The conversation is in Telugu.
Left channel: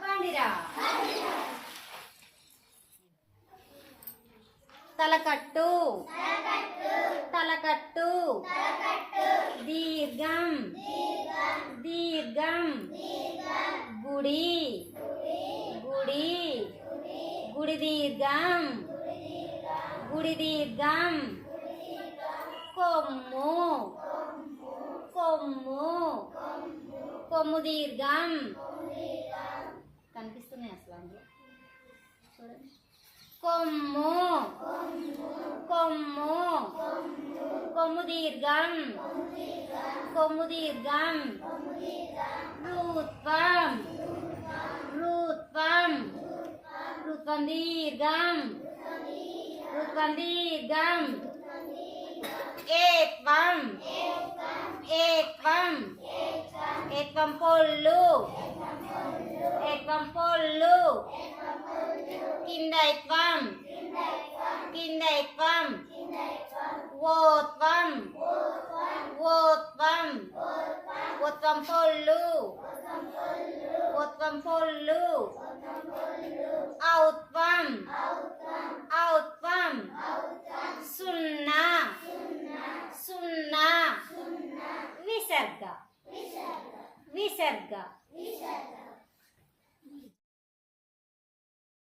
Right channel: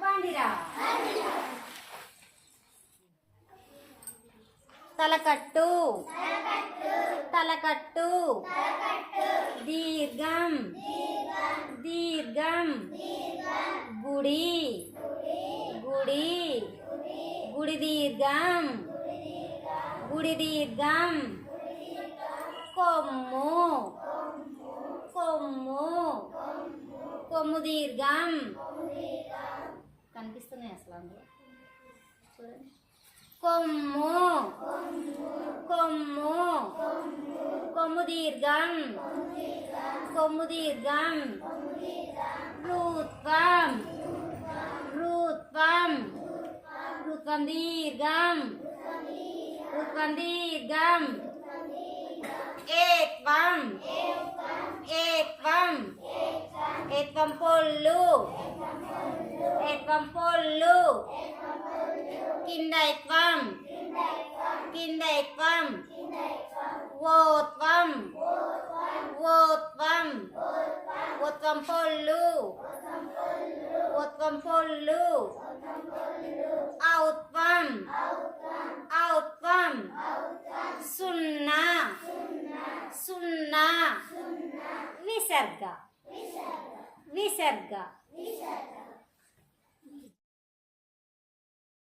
బండిరా. తలకట్టు తలకట్టు దీర్ఘం దీర్ఘం గుడి గుడి గుడి దీర్ఘం గుడి దీర్ఘం కొమ్ము కొమ్ము కొమ్ము దీర్ఘం. కనిపిస్తున్నాయి అసలు అందులో చూడండి. కొమ్ము కొమ్ము కొమ్ము దీర్ఘం కొమ్ము దీర్ఘం రూత్వం రూత్వం రూత్వం దీర్ఘం రూత్వం దీర్ఘం ఏత్వం ఏత్వం ఏత్వం పొల్లు ఏత్వం పొల్లు కిందైత్వం కిందైత్వం ఓత్వం ఓత్వం ఓత్వం పొల్లు ఓత్వం పొల్లు ఔత్వం ఔత్వం సున్నా సున్నా విసర్గ విసర్గ